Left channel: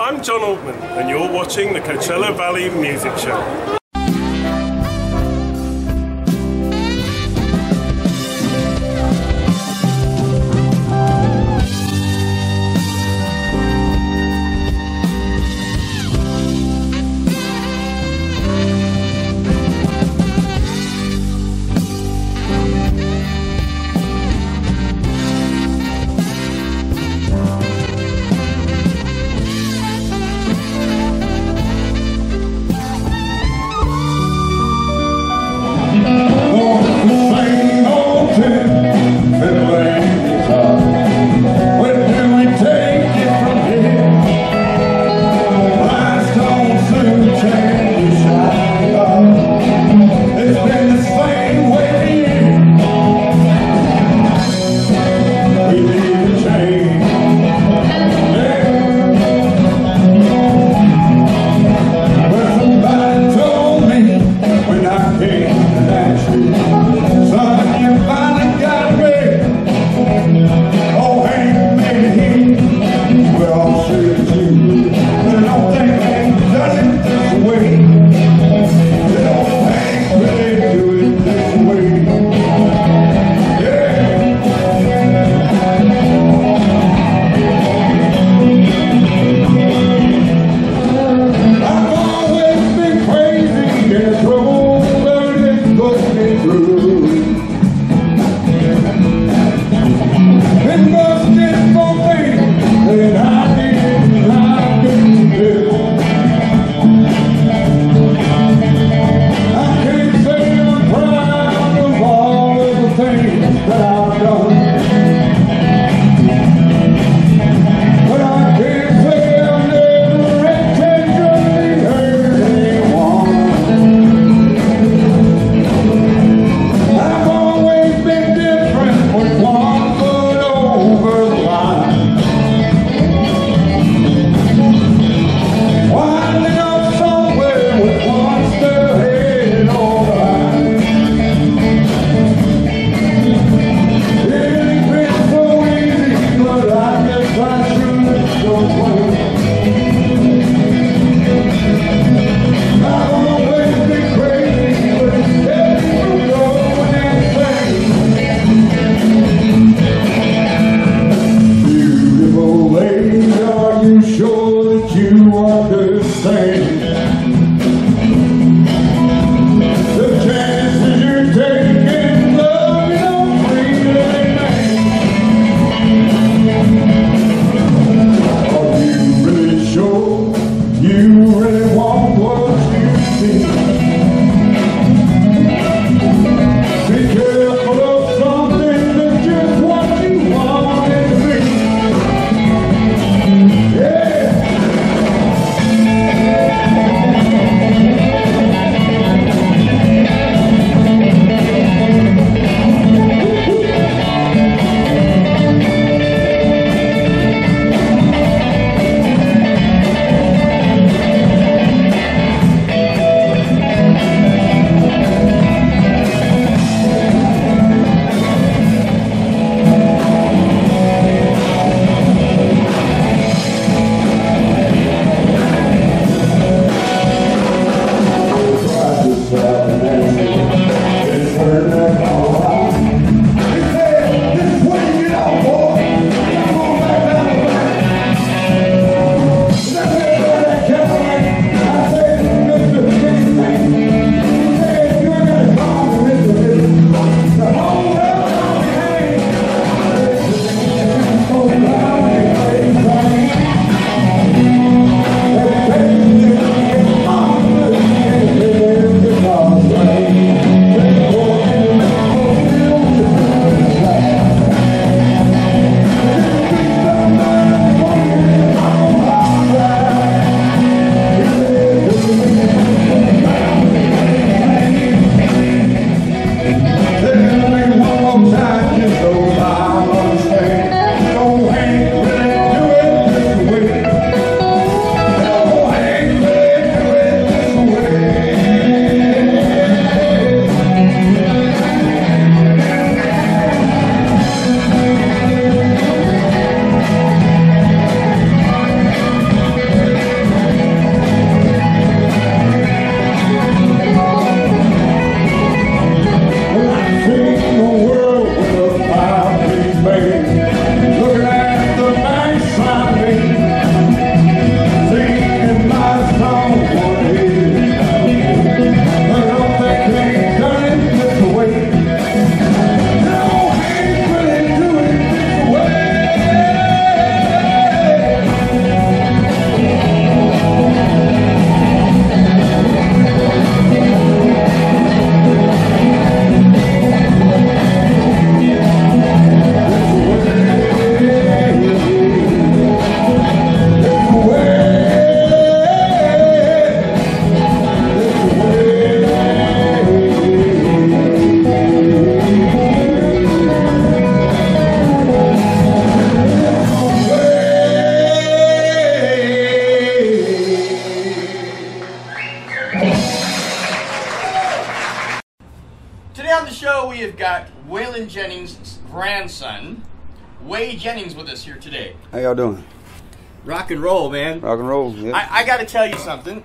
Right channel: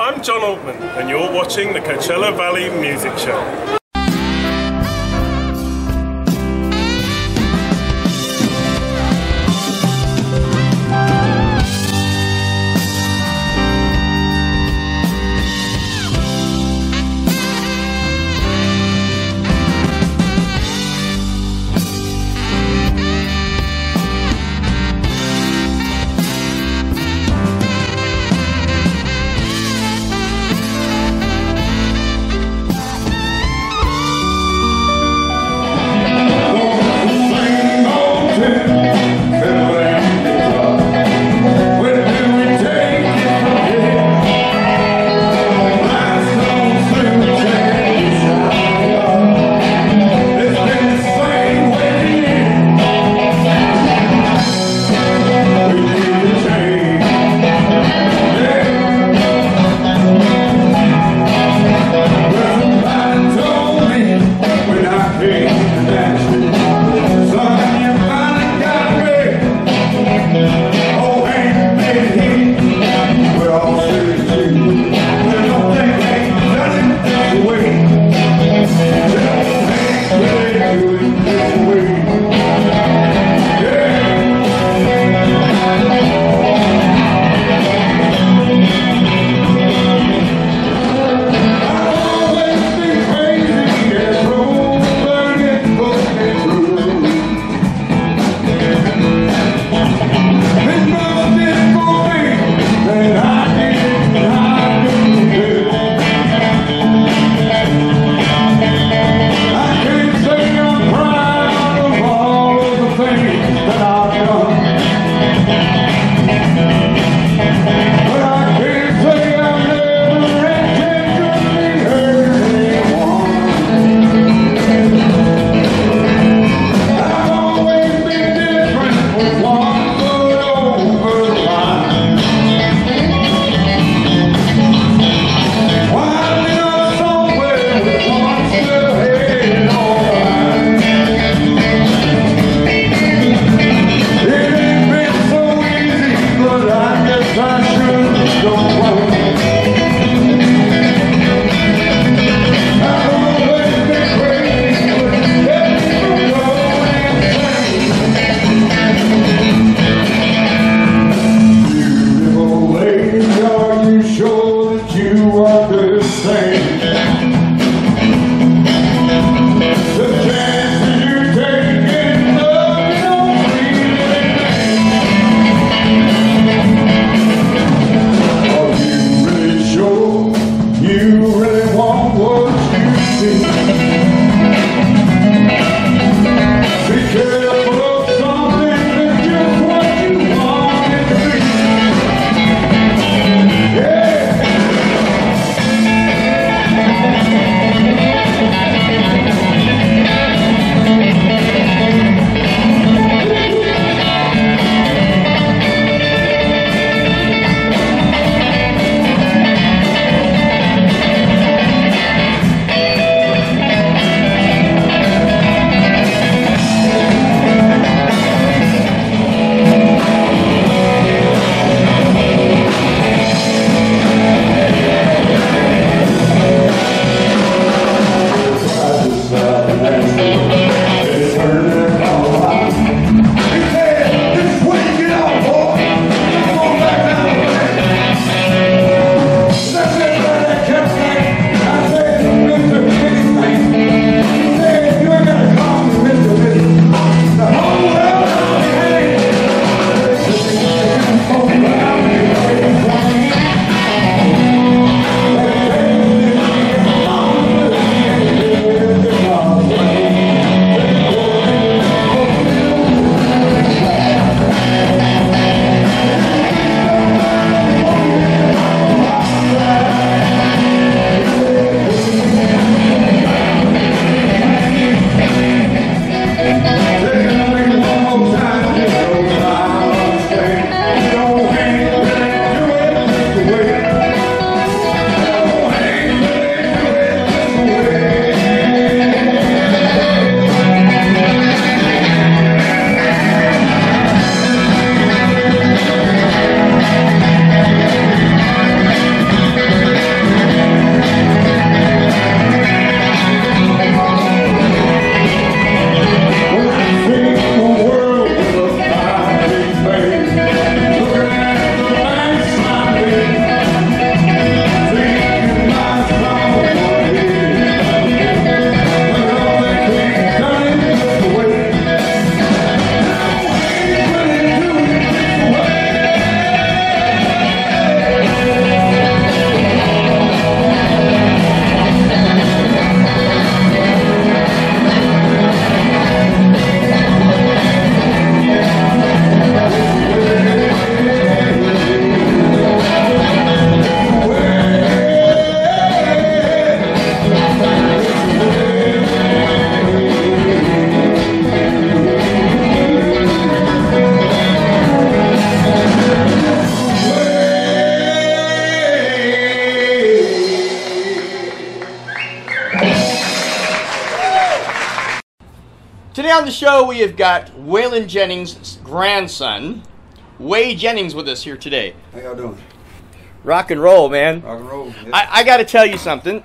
I'm John Altman, and you're watching the Coachella Valley Music Show. on the show, we have got Waylon Jennings' grandson, Whey Jennings, with us here today. How y'all doing? Rock and roll, man. Rock and roll, yeah. I got to tell you something.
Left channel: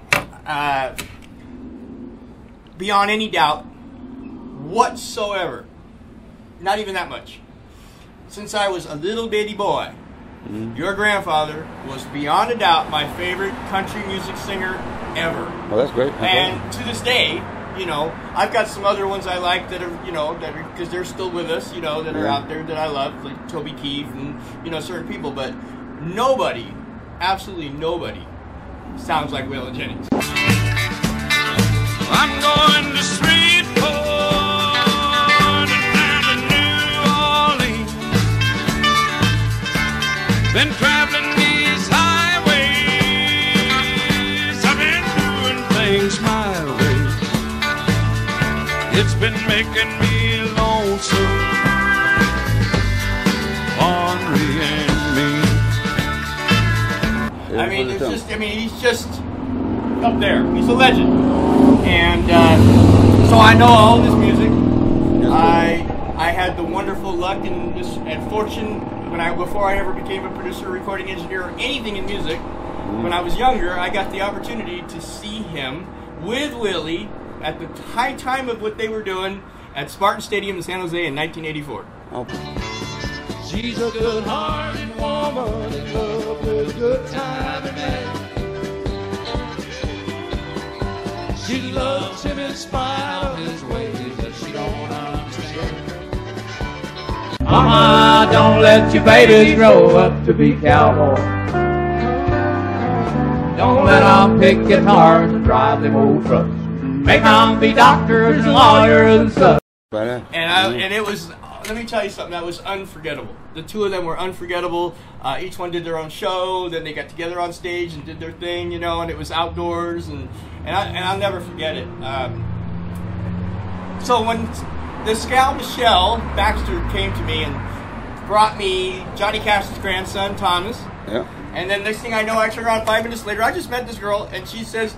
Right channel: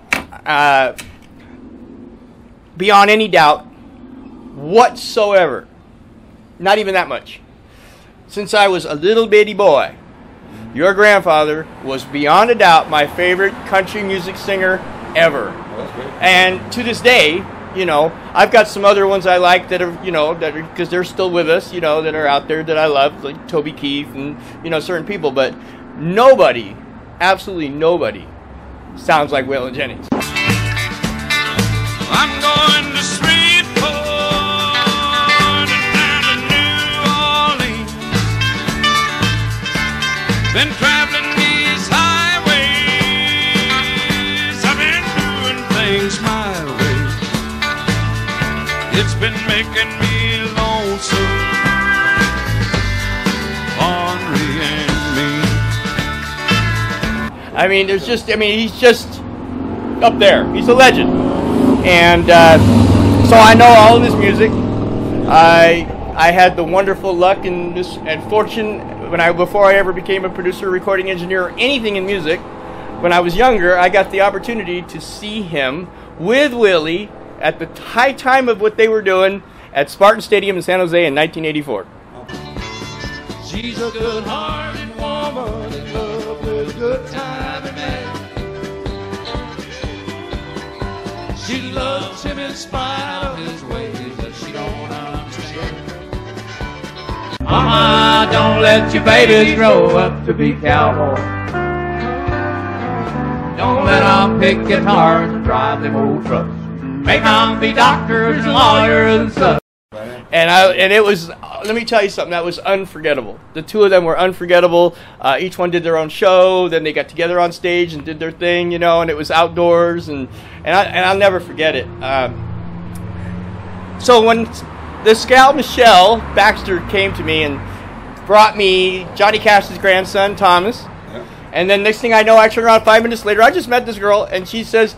Beyond any doubt whatsoever, not even that much, since I was a little bitty boy, your grandfather was beyond a doubt my favorite country music singer ever. Oh, that's great. And to this day, you know, I've got some other ones I like that are, you know, that because they're still with us, you know, that are out there that I love, like Toby Keith and, you know, certain people. But nobody, absolutely nobody, sounds like Waylon Jennings. I'm going to Shreveport and down to New Orleans. Been traveling these highways. I've been doing things my way. It's been making me lonesome, ornery and mean. I mean, there's just, I mean, he's just up there. He's a legend. And so I know all of his music. I had the wonderful luck and fortune before I ever became a producer, recording engineer, or anything in music. When I was younger, I got the opportunity to see him with Willie at the high time of what they were doing at Spartan Stadium in San Jose in 1984. Okay. She's a good-hearted woman in love with a good time and man. She loves him in spite of his ways that she don't understand. Mama, don't let your babies grow up to be cowboys. Don't let them pick guitars and drive them old trucks. Make them be doctors and lawyers and stuff. And it was, let me tell you something, that was unforgettable. The two of them were unforgettable. Each one did their own show, then they got together on stage and did their thing, you know, and it was outdoors, and I'll never forget it. So when this gal, Michelle Baxter, came to me and brought me Johnny Cash's grandson, Thomas, Yeah. and then next thing I know, I turn around 5 minutes later, I just met this girl, and she says,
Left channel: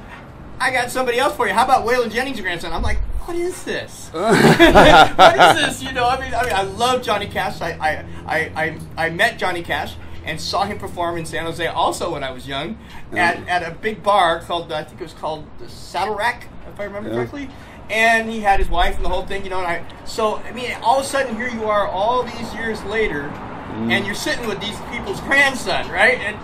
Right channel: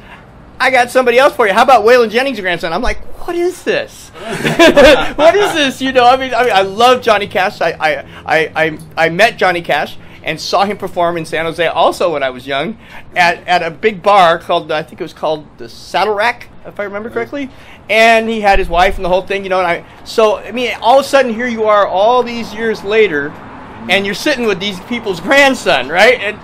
I got somebody else for you. How about Waylon Jennings' grandson? I'm like, what is this? What is this? You know, I mean, I love Johnny Cash. I met Johnny Cash and saw him perform in San Jose also when I was young at a big bar called, I think it was called the Saddle Rack, if I remember correctly. And he had his wife and the whole thing, you know. And so I mean, all of a sudden here you are, all these years later, and you're sitting with these people's grandson, right?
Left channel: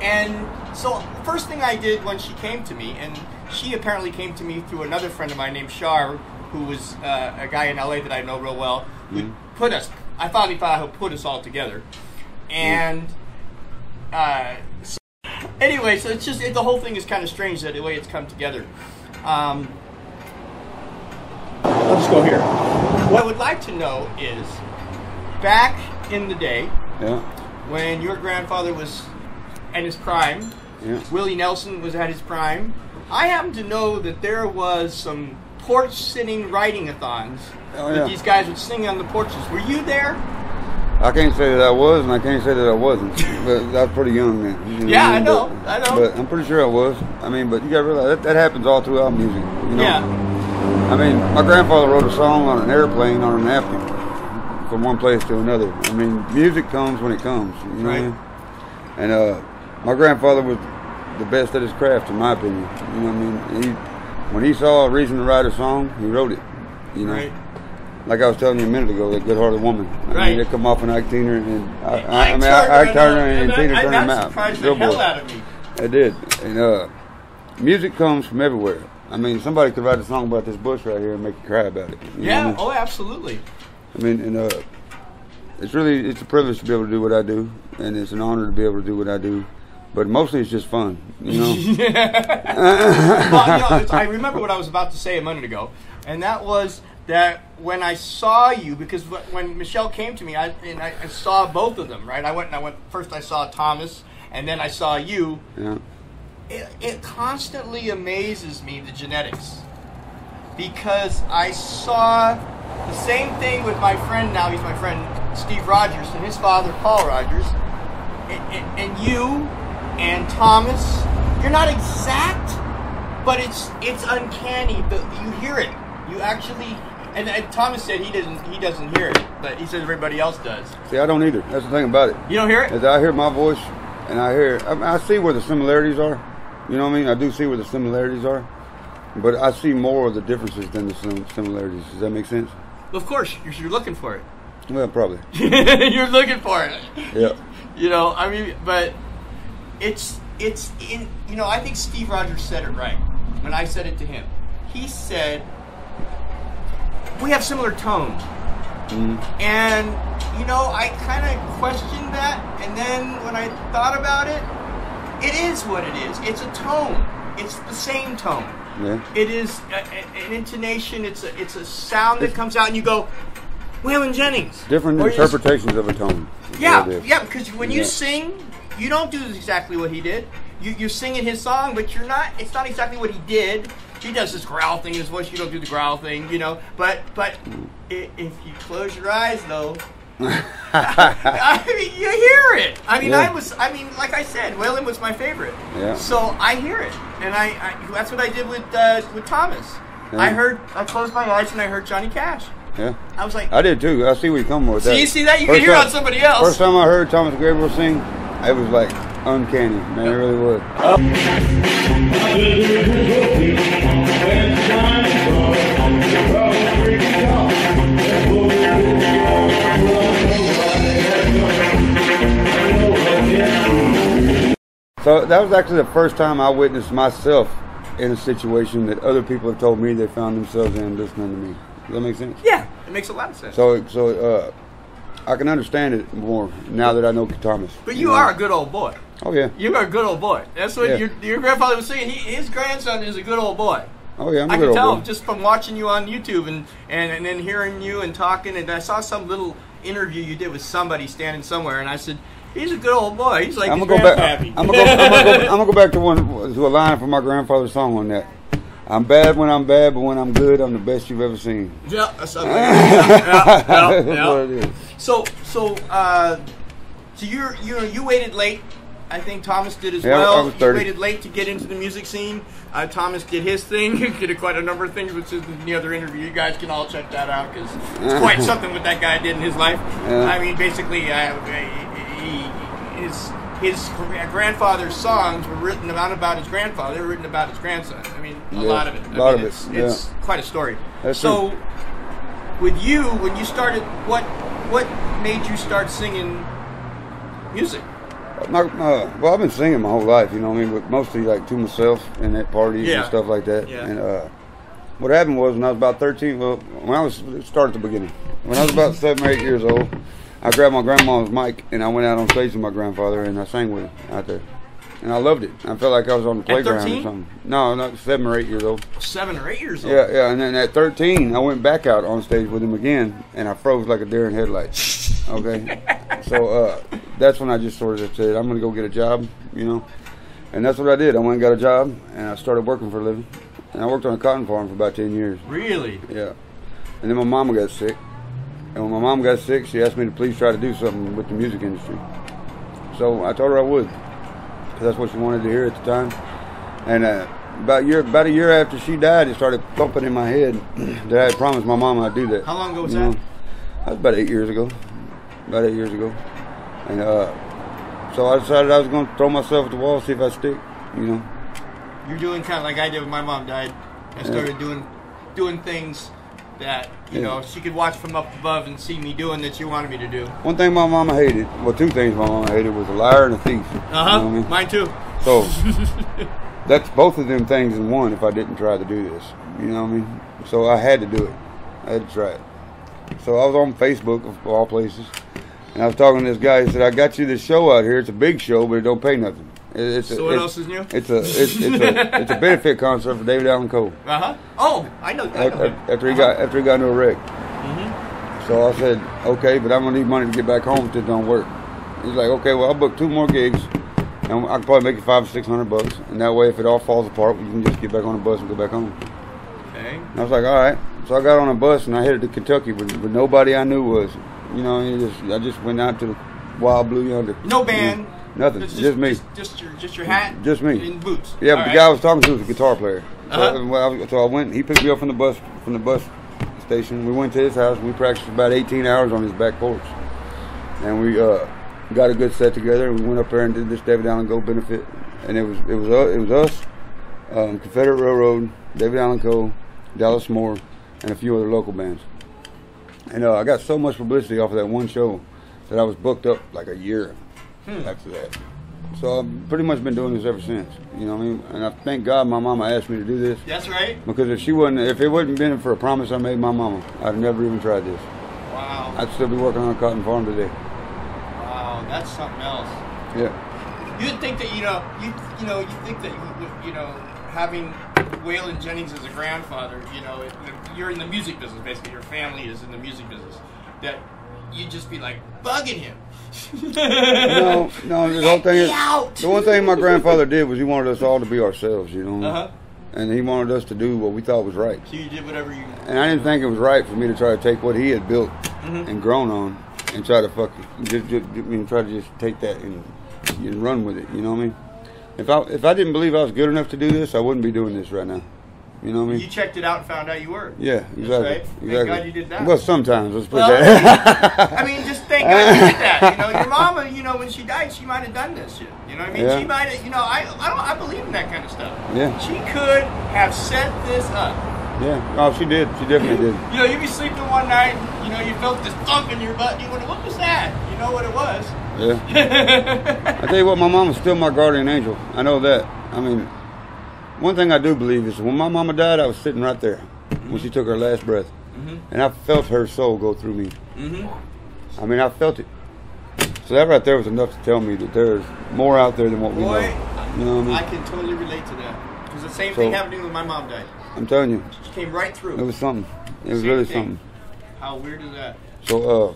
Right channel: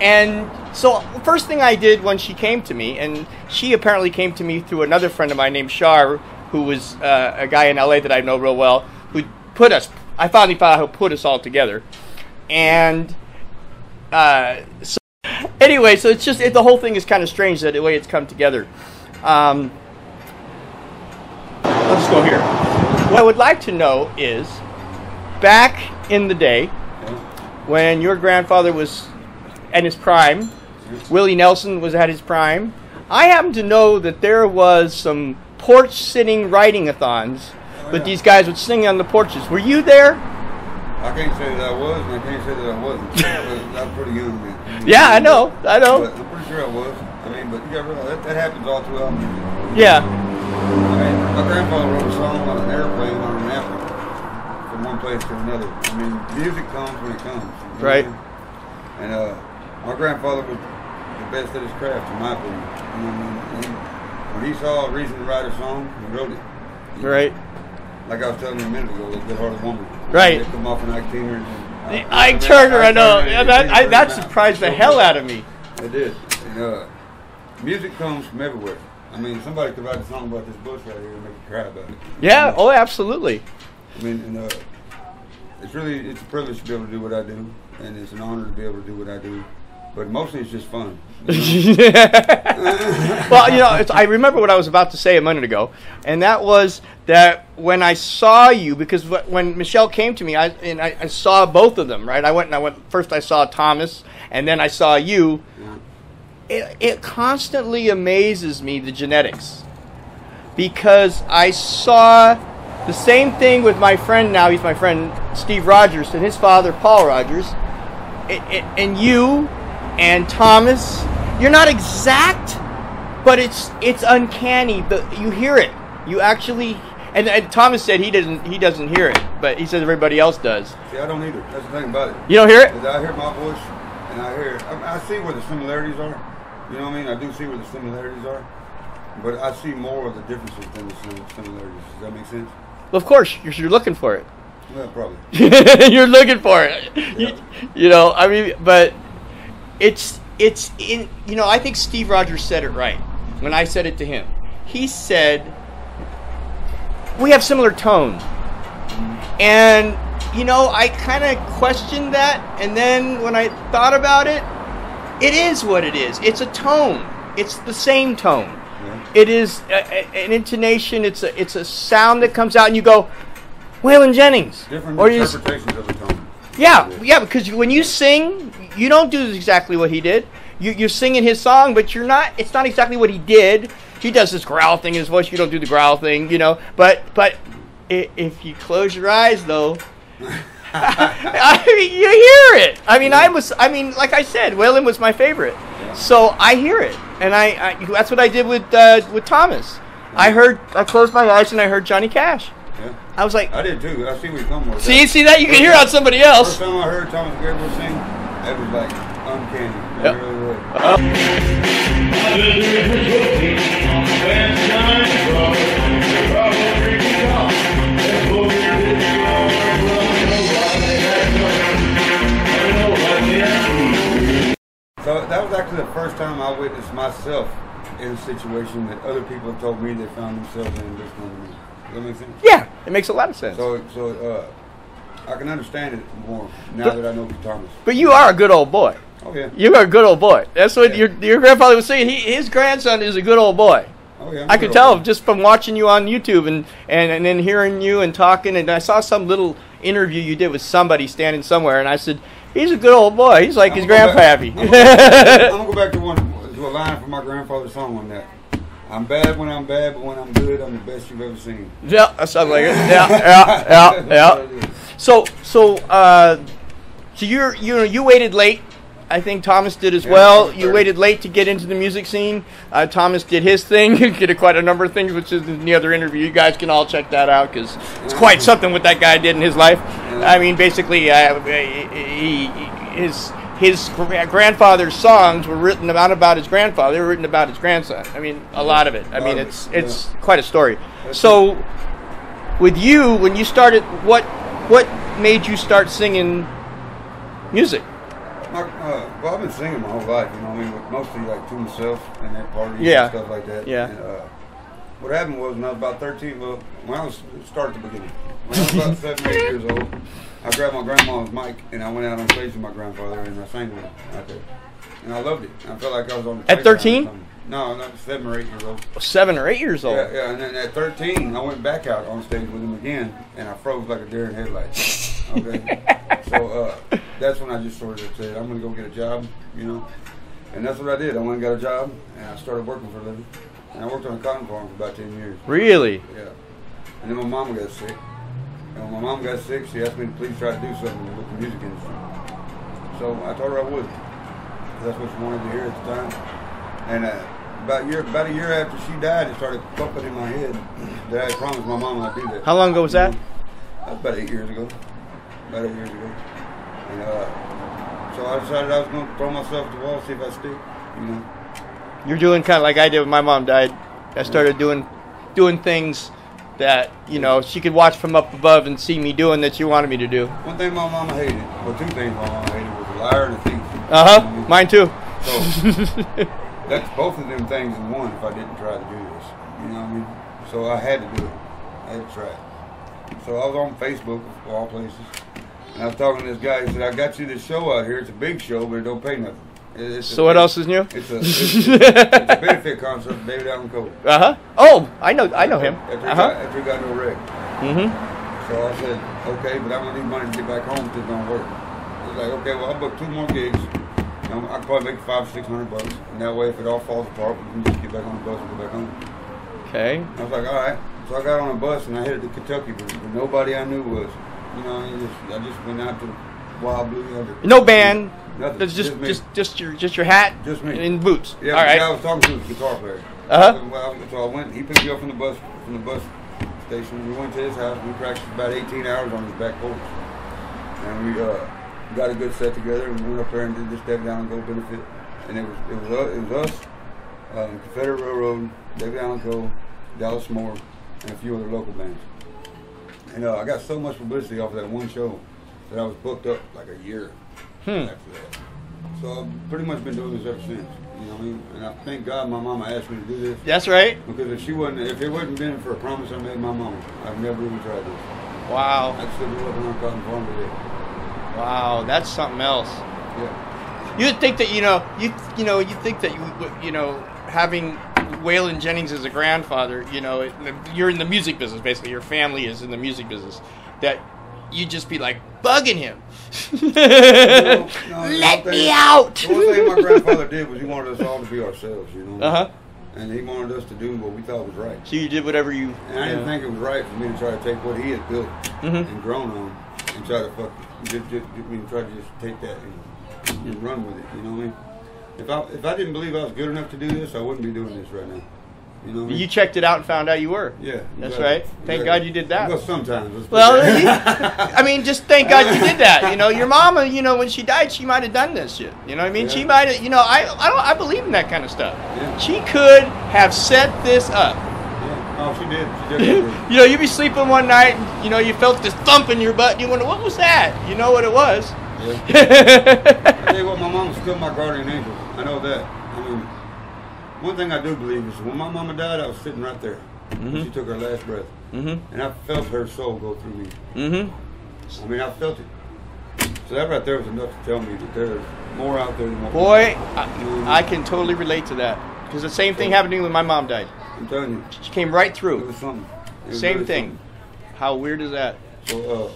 And so first thing I did when she came to me, and she apparently came to me through another friend of mine named Shar, who was a guy in LA that I know real well, who put us, I finally found out who put us all together. And so anyway, so it's just, the whole thing is kind of strange that the way it's come together. I'll just go here. What I would like to know is, back in the day, when your grandfather was at his prime, Willie Nelson was at his prime, I happen to know that there was some porch-sitting writing-a-thons that these guys would sing on the porches. Were you there? I can't say that I was, and I can't say that I wasn't. But I was pretty young then. You know, Yeah, I know. But I'm pretty sure I was. I mean, but you got to realize that happens all throughout music. You know? Yeah. I mean, my grandfather wrote a song on an airplane on a napkin from one place to another. I mean, music comes when it comes. You know Right. what I mean? And my grandfather was the best at his craft, in my opinion. You know what I mean? When he saw a reason to write a song, he wrote it. You know? Right. Like I was telling you a minute ago, that good-hearted woman. Right. I mean, they come off an Ike Turner and I know. That surprised the hell out of me. It did. And music comes from everywhere. I mean, somebody could write a song about this bush right here and make you cry about it. You know what I mean? Oh, absolutely. I mean, and it's a privilege to be able to do what I do, and it's an honor to be able to do what I do. But mostly it's just fun, you know? Well, you know, I remember what I was about to say a minute ago, and that was that when I saw you, because when Michelle came to me, I saw both of them, right? I went first I saw Thomas, and then I saw you. Yeah. It constantly amazes me, the genetics, because I saw the same thing with my friend now, he's my friend Steve Rogers, and his father Paul Rogers, and you and Thomas, you're not exact, but it's uncanny. But you hear it. You actually, And Thomas said he doesn't hear it, but he says everybody else does. See, I don't either. That's the thing about it. You don't hear it? Is I hear my voice, and I see where the similarities are. You know what I mean? I do see where the similarities are, but I see more of the differences than the similarities. Does that make sense? Well, of course, you're looking for it. Well, probably. You're looking for it. Yeah. You know, I mean, but it's in. You know, I think Steve Rogers said it right when I said it to him. He said, we have similar tone. And, you know, I kind of questioned that. And then when I thought about it, it is what it is. It's a tone. It's the same tone. Yeah. It is an intonation. It's a sound that comes out and you go, Waylon Jennings. Different interpretations of a tone. Yeah, because when you sing, you don't do exactly what he did. You're singing his song, but you're not. It's not exactly what he did. He does this growl thing in his voice. You don't do the growl thing, you know. But if you close your eyes, though, I mean, you hear it. I mean, yeah. Like I said, Waylon was my favorite. Yeah. So I hear it, and I that's what I did with Thomas. Yeah. I closed my eyes and I heard Johnny Cash. Yeah. I was like, I did too. I see where you come with that. See that? You can hear it on somebody else. First time I heard Thomas Gabriel sing, it was like uncanny. Man, it really was. So that was actually the first time I witnessed myself in a situation that other people have told me they found themselves in listening to me. Does that make sense? Yeah, it makes a lot of sense. So I can understand it more now that I know Thomas. But you are a good old boy. Oh yeah. You are a good old boy. That's what Yeah. your grandfather was saying. His grandson is a good old boy. Oh yeah. I can tell just from watching you on YouTube and then hearing you and talking. And I saw some little interview you did with somebody standing somewhere, and I said, he's a good old boy. He's like his grandpappy. I'm gonna go back to a line from my grandfather's song on that. I'm bad when I'm bad, but when I'm good, I'm the best you've ever seen. Yeah, that's something like that. Yeah. So you waited late. I think Thomas did as well. You waited late to get into the music scene. Thomas did his thing. He did quite a number of things, which is in the other interview. You guys can all check that out because it's quite something what that guy did in his life. Yeah. I mean, basically, his grandfather's songs were written not about his grandfather. They were written about his grandson. I mean, a lot of it. I mean, it's quite a story. That's so, true. with you, when you started, what made you start singing music? Well, I've been singing my whole life, you know what I mean, but mostly like to myself and at parties and stuff like that. Yeah. And what happened was when I was about 13, start at the beginning. When I was about 7 or 8 years old, I grabbed my grandma's mic and I went out on stage with my grandfather and I sang with him out there. And I loved it. I felt like I was on the playground. At 13? Or something. No, not 7 or 8 years old. 7 or 8 years old? Yeah. And then at 13, I went back out on stage with him again and I froze like a deer in headlights. Okay? So that's when I just sort of said, I'm going to go get a job, you know. And that's what I did. I went and got a job and I started working for a living. And I worked on a cotton farm for about 10 years. Really? Yeah. And then my mama got sick. And when my mom got sick, she asked me to please try to do something with the music industry. So I told her I would. Because that's what she wanted to hear at the time. And about a year after she died, it started thumping in my head that I had promised my mom I'd do that. How long ago was that? That was about 8 years ago. About 8 years ago. And so I decided I was going to throw myself at the wall, see if I'd stick, you know. You're doing kind of like I did when my mom died. I started doing things that, you know, she could watch from up above and see me doing that she wanted me to do. One thing my mama hated, well, two things my mama hated was a liar and a thief. You know what I mean? Mine too. So that's both of them things in one if I didn't try to do this. You know what I mean? So I had to do it. I had to try it. So I was on Facebook, of all places, and I was talking to this guy. He said, I got you this show out here. It's a big show, but it don't pay nothing. What else is new? It's a benefit concert for David Allan Coe. Oh, I know him. After he got into a wreck. Mm-hmm. So I said, okay, but I'm gonna need money to get back home if this don't work. He's like, okay, well I'll book 2 more gigs, and I can probably make it $500 or $600, and that way if it all falls apart, we can just get back on the bus and go back home. Okay. And I was like, all right. So I got on a bus and I headed to Kentucky, but nobody I knew was. You know, I just went out to the Wild Blue Yonder. No band. Nothing. It's just me. Just your hat. Just me. And boots. Yeah, but the guy I was talking to was a guitar player. Uh-huh. So I went. He picked me up from the bus station. We went to his house. We practiced about 18 hours on his back porch, and we got a good set together. We went up there and did this David Allen Go benefit, and it was us, Confederate Railroad, David Allen Co., Dallas Moore, and a few other local bands. And I got so much publicity off of that one show that I was booked up like a year after that. So I've pretty much been doing this ever since. You know what I mean? And I thank God my mama asked me to do this. That's right. Because if it wouldn't been for a promise I made my mama, I'd never even tried this. Wow. I'd still be working on a cotton farm today. Wow, that's something else. Yeah. You'd think that you think that having Waylon Jennings as a grandfather, you're in the music business basically. Your family is in the music business. That you'd just be like bugging him. No. Let me out. The one thing my grandfather did was he wanted us all to be ourselves, you know. Uh-huh. And he wanted us to do what we thought was right. So you did whatever you. And I didn't think it was right for me to try to take what he had built and grown on and try to try to just take that and run with it. You know what I mean? If I didn't believe I was good enough to do this, I wouldn't be doing this right now. You know what I mean? You checked it out and found out you were. Yeah, exactly. That's right. Thank God you did that. Well, sometimes. Let's put Well, that. I mean, just thank God you did that. Your mama, when she died, she might have done this shit. You know what I mean? Yeah. She might have. I believe in that kind of stuff. Yeah. She could have set this up. Yeah. Oh, she did. She definitely did. You'd be sleeping one night, and, you felt this thump in your butt, and you wonder, what was that? You know what it was? Yeah. I tell you what, my mama's still my guardian angel. I know that. I mean, one thing I do believe is when my mama died, I was sitting right there when she took her last breath. And I felt her soul go through me. I mean, I felt it. So that right there was enough to tell me that there's more out there than what we know. Boy, You know what I mean? I can totally relate to that. Because the same thing happened to me when my mom died. I'm telling you. She came right through. It was something. It was Same really thing. something. How weird is that? So,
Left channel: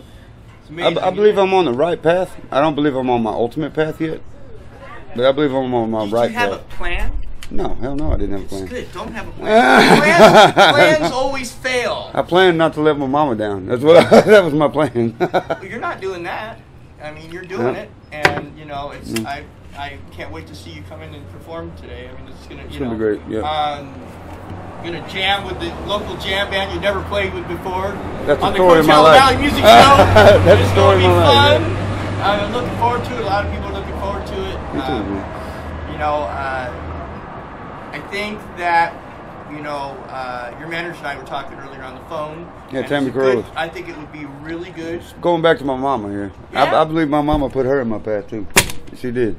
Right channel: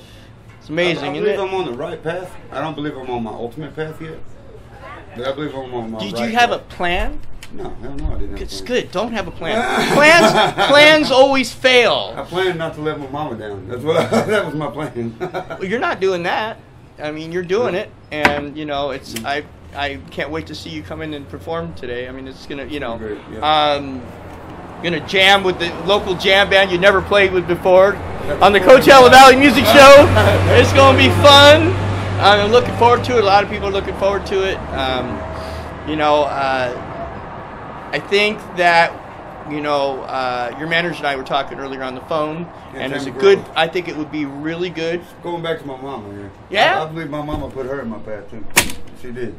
It's amazing. I believe I'm on the right path. I don't believe I'm on my ultimate path yet. But I believe I'm on my right path. Did you have a plan? No, hell no, I didn't have a plan. It's good. Don't have a plan. Plans always fail. I planned not to let my mama down. That's what that was my plan. Well, you're not doing that. I mean, you're doing it, and it's. I can't wait to see you come in and perform today. I mean, it's gonna, It's gonna be great, yeah. Gonna jam with the local jam band you never played with before That's on the the story of my Coachella life. Valley Music Show. That's It's the gonna story be of my fun. life. I'm looking forward to it. A lot of people are looking forward to it. I think that your manager and I were talking earlier on the phone. Yeah, and Tammy it's good. Groves. I think it would be really good. Going back to my mama here. Yeah? I believe my mama put her in my path too. She did.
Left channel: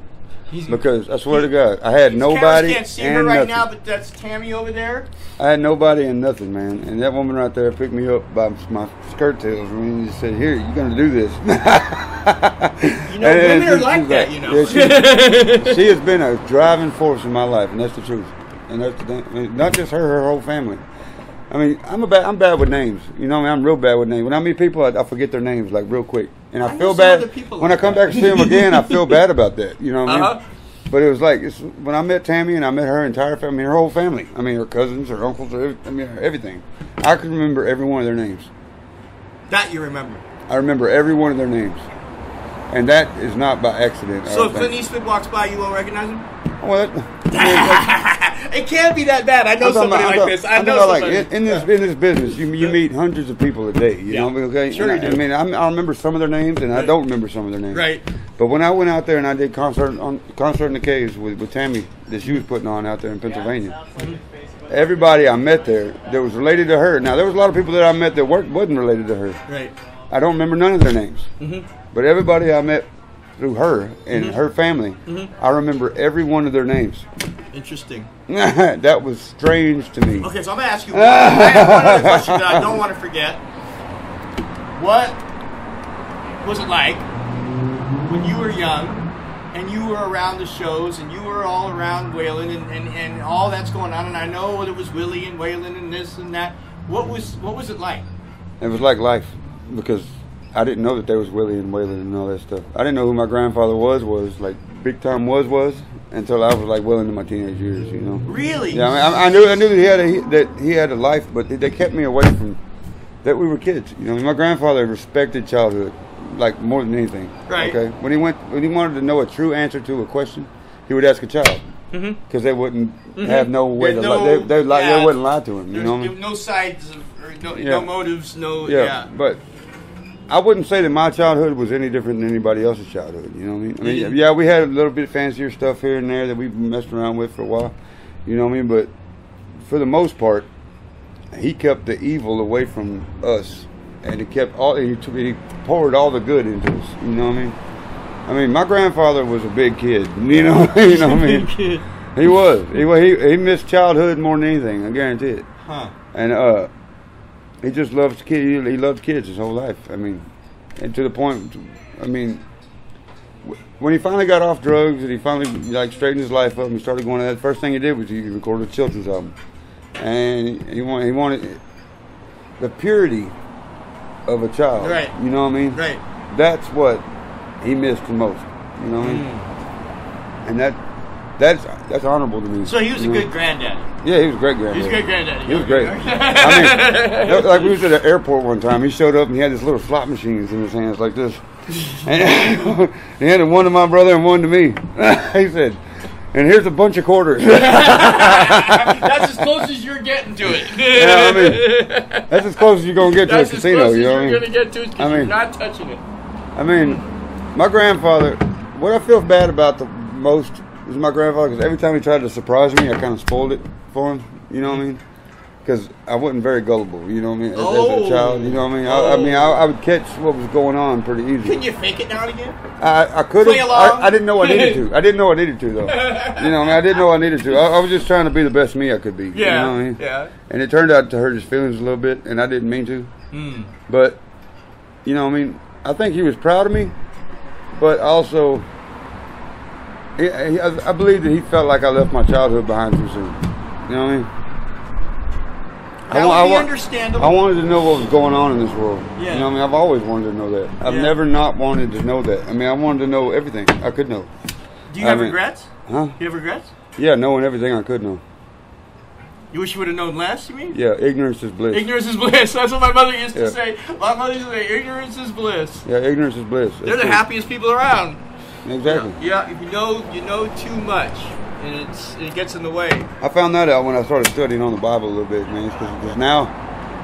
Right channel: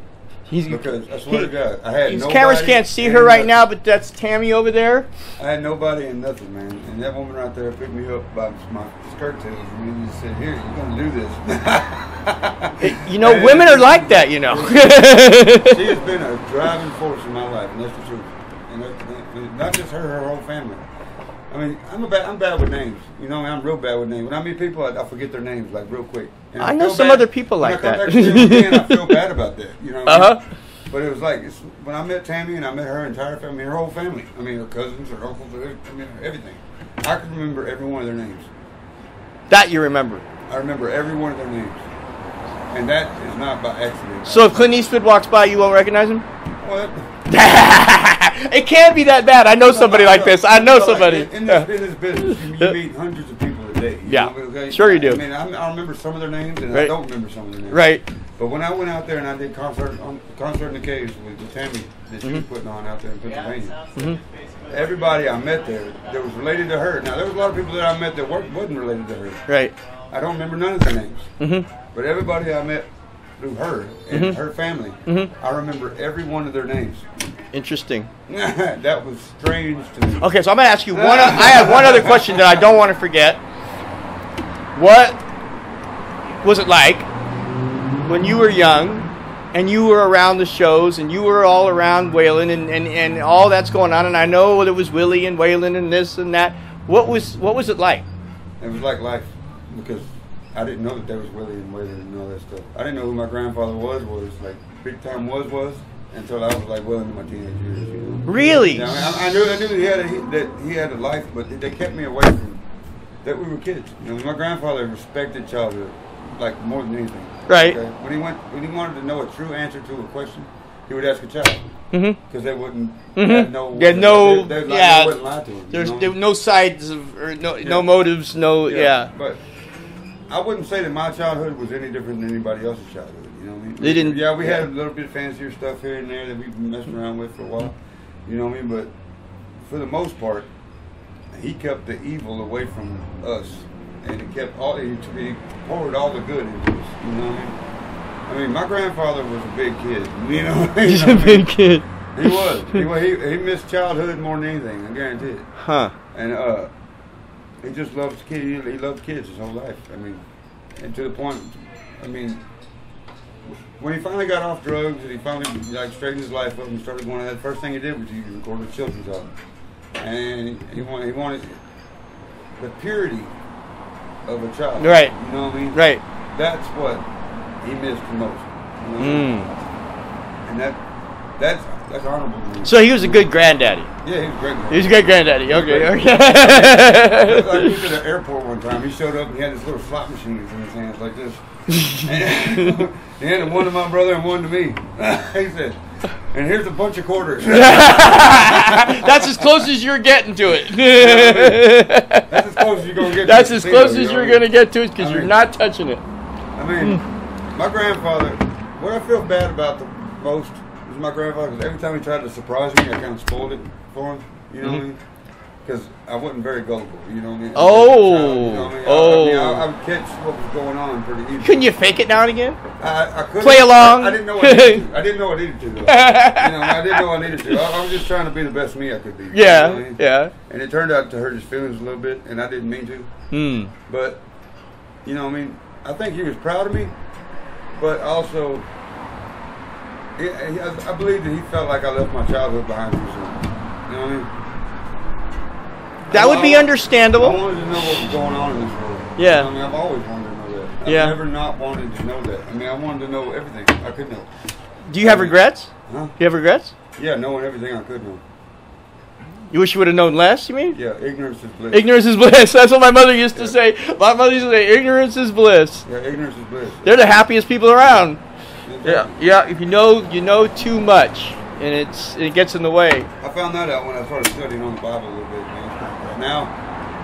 Because I swear to God, I had These nobody. cameras can't see and her right nothing. now, but that's Tammy over there. I had nobody and nothing, man. And that woman right there picked me up by my skirt tails and just said, "Here, you're gonna do this." Women are like that, Yeah, she has been a driving force in my life, and that's the truth. And that's the thing. I mean, not just her whole family. I mean, I'm bad with names. I'm real bad with names. When I meet people, I forget their names like real quick. And I I know feel some bad other people when like I come that. back to see them again. I feel bad about that. You know what I mean? But it was like when I met Tammy and I met her entire family, her whole family. I mean, her cousins, her uncles, everything. I can remember every one of their names. That you remember. I remember every one of their names, and that is not by accident. So if Clint Eastwood walks by, you won't recognize him? Well, It can't be that bad. I know somebody like this. I know somebody. In this business, you meet hundreds of people a day. You know, okay? Sure you do. I mean, I remember some of their names, and I don't remember some of their names. Right. But when I went out there and I did concert in the caves with Tammy that she was putting on out there in Pennsylvania, everybody I met there that was related to her. Now there was a lot of people that I met that wasn't related to her. Right. I don't remember none of their names. But everybody I met through her and her family, I remember every one of their names. Interesting. That was strange to me. Okay, so I'm going to ask you I have one other question that I don't want to forget. What was it like when you were young and you were around the shows and you were all around Waylon and all that's going on, and I know there was Willie and Waylon and this and that. What was it like? It was like life, because I didn't know that there was Willie and Waylon and all that stuff. I didn't know who my grandfather was like big time was until I was like well into my teenage years, you know. Really? Yeah, I knew that he had a life, but they kept me away from that. We were kids, you know. My grandfather respected childhood like more than anything. Right. Okay. When he wanted to know a true answer to a question, he would ask a child. because they wouldn't have no way. no, they wouldn't lie to him. There's you know? there were no sides or no motives, But I wouldn't say that my childhood was any different than anybody else's childhood. You know what I mean? Yeah, we had a little bit fancier stuff here and there that we messed around with for a while. You know what I mean? But for the most part, he kept the evil away from us, and he poured all the good into us. You know what I mean? I mean, my grandfather was a big kid. You know what I mean? Big kid. He was. He missed childhood more than anything. I guarantee it. Huh? And he just loves kids. He loved kids his whole life. I mean, and to the point. I mean, when he finally got off drugs and he finally straightened his life up and started going, that first thing he did was he recorded a children's album, and he wanted the purity of a child. Right. You know what I mean? Right. That's what he missed the most. You know what I mean? And that's honorable to me. So he was a good granddaddy. Yeah, he was a great granddaddy. He was a good granddaddy. Okay. I mean, like we was at the airport one time. He showed up and he had this little slot machines in his hands like this. And he handed one to my brother and one to me. He said, "And here's a bunch of quarters." That's as close as you're getting to it. I mean, that's as close as you're going to get to it. That's as close as you're going to get to it because you're not touching it. I mean, my grandfather, what I feel bad about the most is my grandfather, because every time he tried to surprise me, I kind of spoiled it for him. You know what I mean? Because I wasn't very gullible. You know what I mean? As a child, you know what I mean? I would catch what was going on pretty easily. Couldn't you fake it now and again? I could play along. I didn't know I needed to. I didn't know I needed to though. You know, I didn't know I needed to. I was just trying to be the best me I could be. Yeah, you know what I mean? yeah. And it turned out to hurt his feelings a little bit, and I didn't mean to. But you know, I mean, I think he was proud of me, but also, I believe that he felt like I left my childhood behind too soon. You know what I mean? That would be understandable. I wanted to know what was going on in this world. Yeah. You know what I mean? I've always wanted to know that. I've never not wanted to know that. I mean, I wanted to know everything I could know. Do you have regrets? Huh? Do you have regrets? Yeah, knowing everything I could know. You wish you would have known less, you mean? Yeah, ignorance is bliss. Ignorance is bliss. That's what my mother used to say. My mother used to say, ignorance is bliss. Yeah, ignorance is bliss. They're the happiest people around. Exactly. Yeah, if you know too much, and it gets in the way. I found that out when I started studying on the Bible a little bit, man. Because now,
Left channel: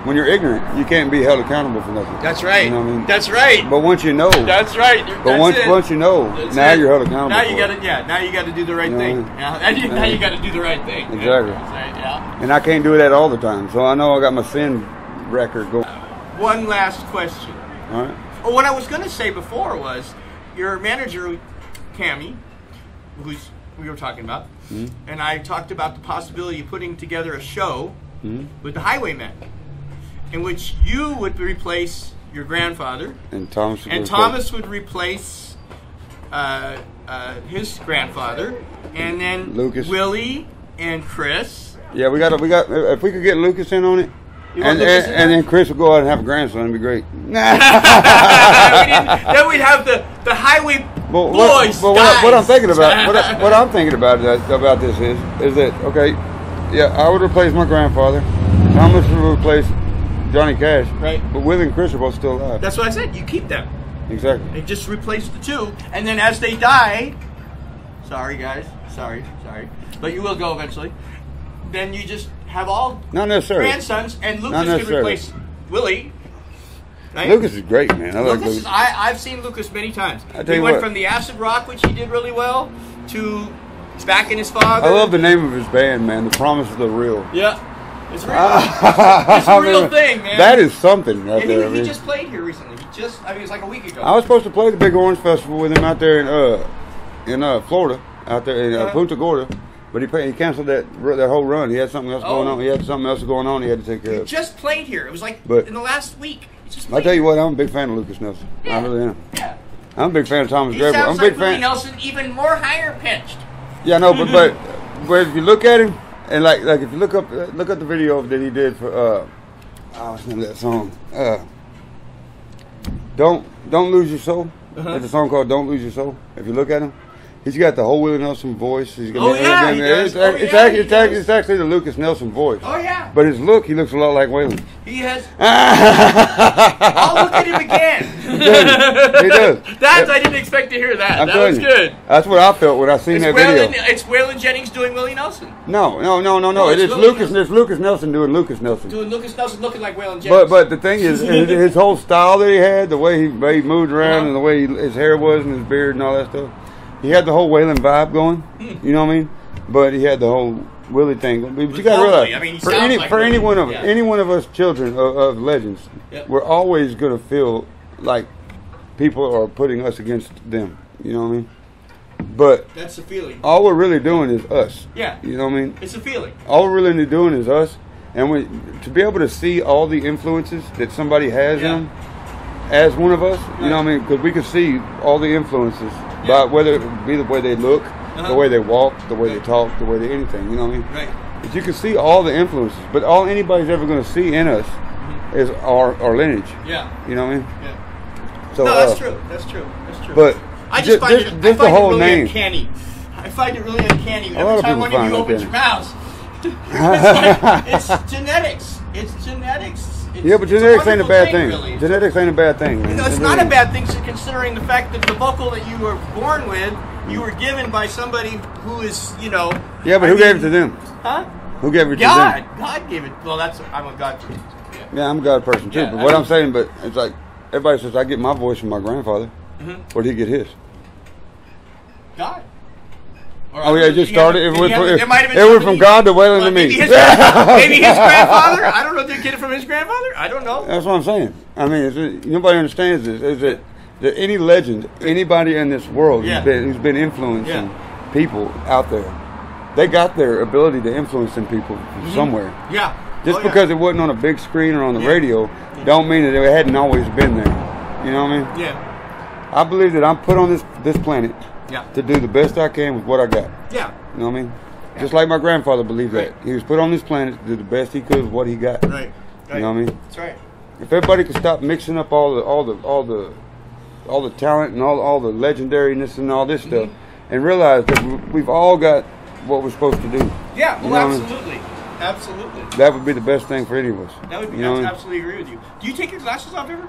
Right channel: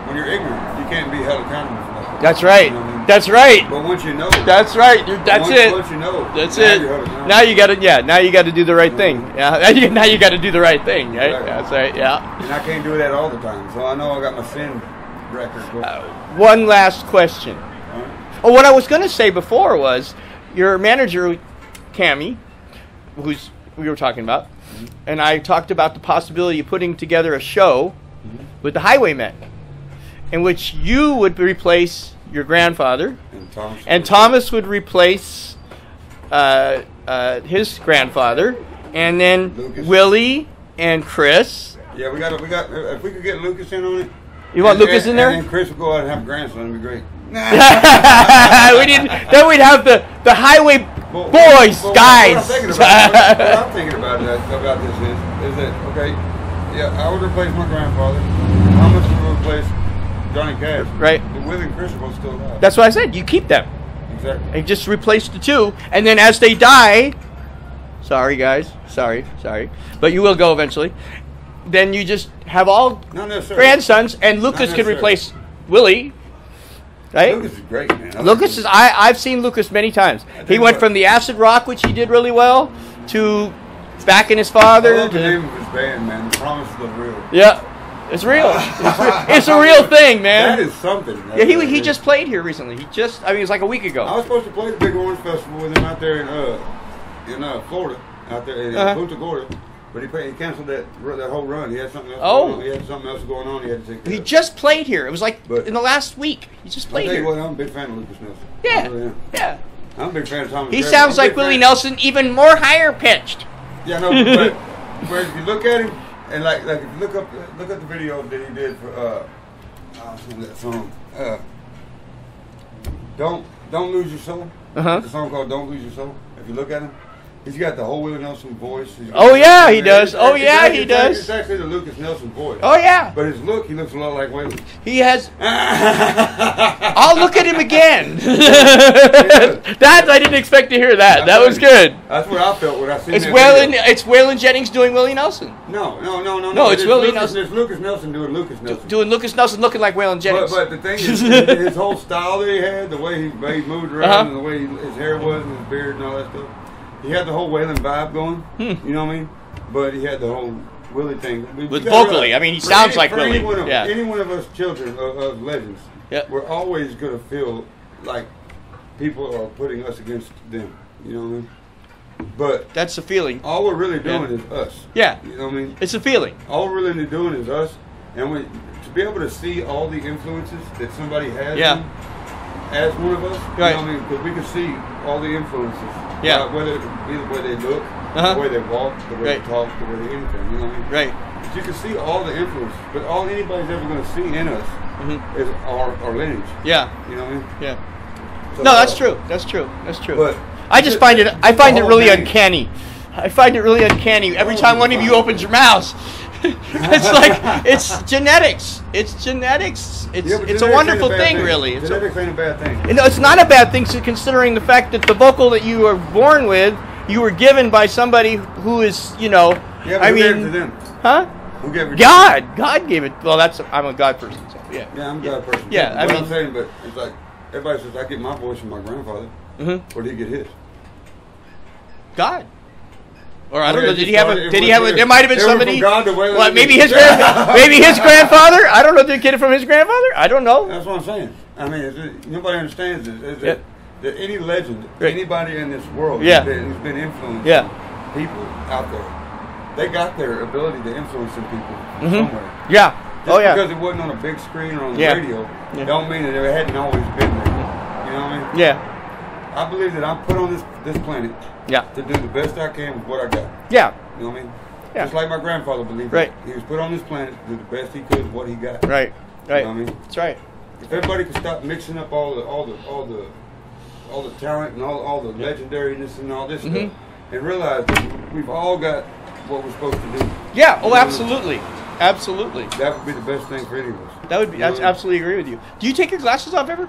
when you're ignorant, you can't be held accountable for nothing. That's right. You know what I mean? That's right. But once you know, that's right. That's it. Once you know, that's now it. you're held accountable. Now you got to, now you got to do the right thing. Yeah. Now you got to do the right thing. Exactly. Right? That's right. Yeah. And I can't do that all the time, so I know I got my sin record going. One last question. All right. Oh, what I was going to say before was your manager, Cammie, who's we were talking about, and I talked about the possibility of putting together a show with the Highwaymen, in which you would replace your grandfather, and Thomas would replace his grandfather, and then Lucas. Willie and Chris. Yeah, we got. If we could get Lucas in on it. You want Lucas in there? And then Chris will go out and have a grandson. It'd be great. Then we'd have the Highway boys, guys. What I'm thinking about, what I'm thinking about this is that okay? Yeah, I would replace my grandfather. Thomas would replace Johnny Cash. Right. But Willie and Chris are both still alive. That's what I said. You keep them. Exactly. And just replace the two, and then as they die, sorry guys, sorry, but you will go eventually. Then you just have all not necessarily grandsons, and Lucas can replace Willie. Right? Lucas is great, man. I've seen Lucas many times. He went from the acid rock, which he did really well, to backing his father. I love the name of his band, man. The Promise of the Real. Yeah, it's real. It's a real thing, man. That is something. Yeah, he just played here recently. It was like a week ago. I was supposed to play the Big Orange Festival with him out there in Florida, out there in Punta Gorda. But he canceled that whole run. He had something else going on. He had something else going on. He had to take care of. He just played here. It was like in the last week. He just played. I'll tell you what. I'm a big fan of Lucas Nelson. Yeah. I really am. Yeah. I'm a big fan of Thomas. He sounds like Willie Nelson, even more higher pitched. Yeah, no, but if you look at him and like if you look up the video that he did for that song, Don't Lose Your Soul. It's a song called Don't Lose Your Soul. If you look at him. He's got the whole Willie Nelson voice. He does. It's actually the Lucas Nelson voice. Oh, yeah. But his look, he looks a lot like Waylon. He has... I'll look at him again. He does. I didn't expect to hear that. That was good. That's what I felt when I seen that video. It's Waylon Jennings doing Willie Nelson. No. It's Lucas Nelson doing Lucas Nelson. Doing Lucas Nelson looking like Waylon Jennings. But the thing is, his whole style that he had, the way he moved around and the way his hair was and his beard and all that stuff. He had the whole Waylon vibe going, you know what I mean? But he had the whole Willie thing. Vocally, I mean, he sounds like Willie. Any one of us children of legends, we're always going to feel like people are putting us against them, you know what I mean? But that's the feeling. All we're really doing is us. Yeah. You know what I mean? It's a feeling. All we're really doing is us. And to be able to see all the influences that somebody has on, as one of us, you know what I mean? Because we can see all the influences. Yeah. Whether it be the way they look, the way they walk, the way they talk, the way they anything, you know what I mean? Right. But you can see all the influences, but all anybody's ever going to see in us is our lineage. Yeah. You know what I mean? Yeah. So, no, that's true. That's true. That's true. But I just find it really uncanny. I find it really uncanny. Every time one of you opens your mouth, it's like it's genetics. It's genetics. It's a wonderful thing, really. Genetics ain't a bad thing. No, it's not a bad thing, considering the fact that the vocal that you were born with, you were given by somebody who is, Yeah, but who gave it to them? Huh? Who gave it to them? God. God gave it. Well, I'm a God person. So, yeah, I'm a God person too. But I'm saying, but it's like everybody says I get my voice from my grandfather. Where did he get his? God. Or it just started. There might have been somebody. It went from God to Waylon to me. Maybe his grandfather. I don't know. Did he get it from his grandfather? I don't know. That's what I'm saying. I mean, nobody understands this. Is that any legend, anybody in this world who's been influencing people out there, they got their ability to influence some people from somewhere. Yeah. Just because it wasn't on a big screen or on the radio, don't mean that it hadn't always been there. You know what I mean? Yeah. I believe that I'm put on this planet. To do the best I can with what I got. Yeah. You know what I mean? Yeah. Just like my grandfather believed that. He was put on this planet to do the best he could with what he got. Right. You know what I mean? That's right. If everybody could stop mixing up all the talent and all the legendariness and all this stuff, and realize that we've all got what we're supposed to do. Yeah. Oh, absolutely. Absolutely. That would be the best thing for any of us. That would be. I absolutely agree with you. Do you take your glasses off ever?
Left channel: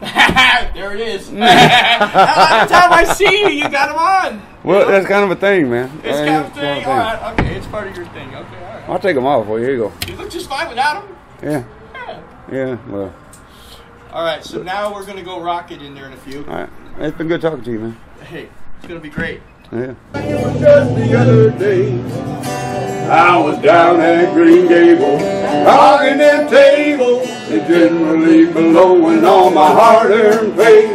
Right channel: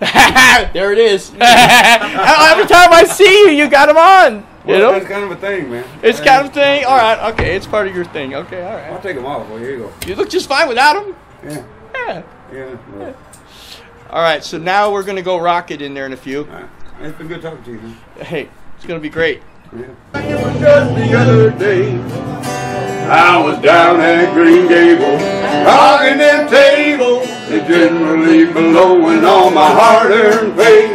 There it is. Every time I see you, you got them on. Well, that's kind of a thing, man. It's kind of a thing. All right. Okay. It's part of your thing. Okay. All right. I'll take them off. Well, here you go. You look just fine without them. Yeah. Yeah. Yeah. Well. All right. So now we're gonna go rock it in there in a few. All right. It's been good talking to you, man. Hey, it's gonna be great. Yeah. Just the other day, I was down at Green Gables, rocking them tables, and generally blowing all my hard-earned pay.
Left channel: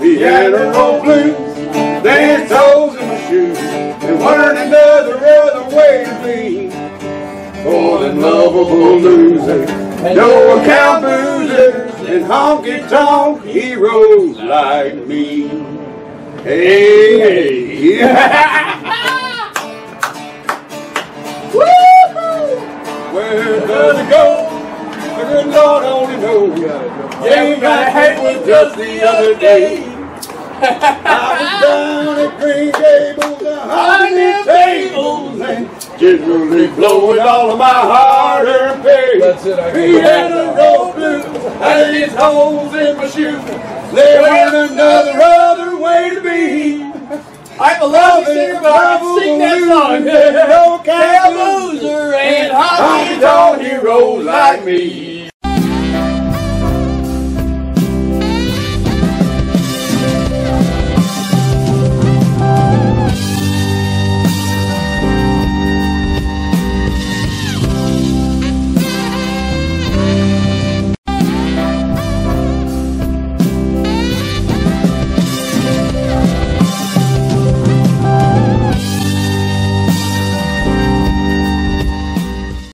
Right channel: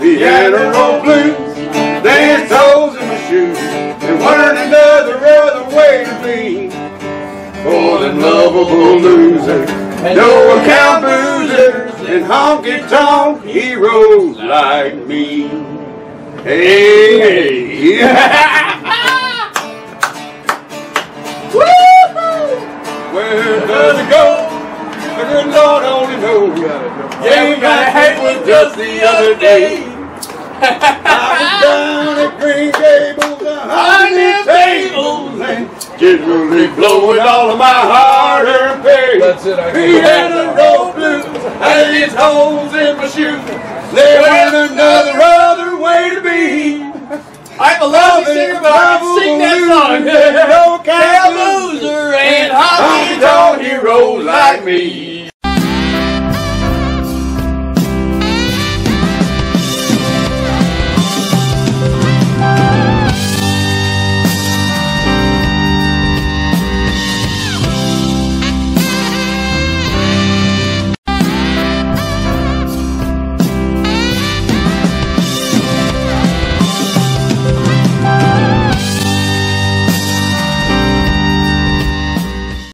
Piano roll blues, dance toes in my shoes, and learn another other way to be. For them lovable losers, no account boozers, and honky-tonk heroes like me. Hey, hey. Where does it go? The good Lord only knows. Yeah, my head was just the other day. I was down at Green Gables, 100 tables, and generally blowing all of my hard-earned pay. That's it. He had a road blues, and his holes in my shoes. There was another other way to be. I'm a lousy singer, but I can sing that song. No loser and honky-tonk heroes like me.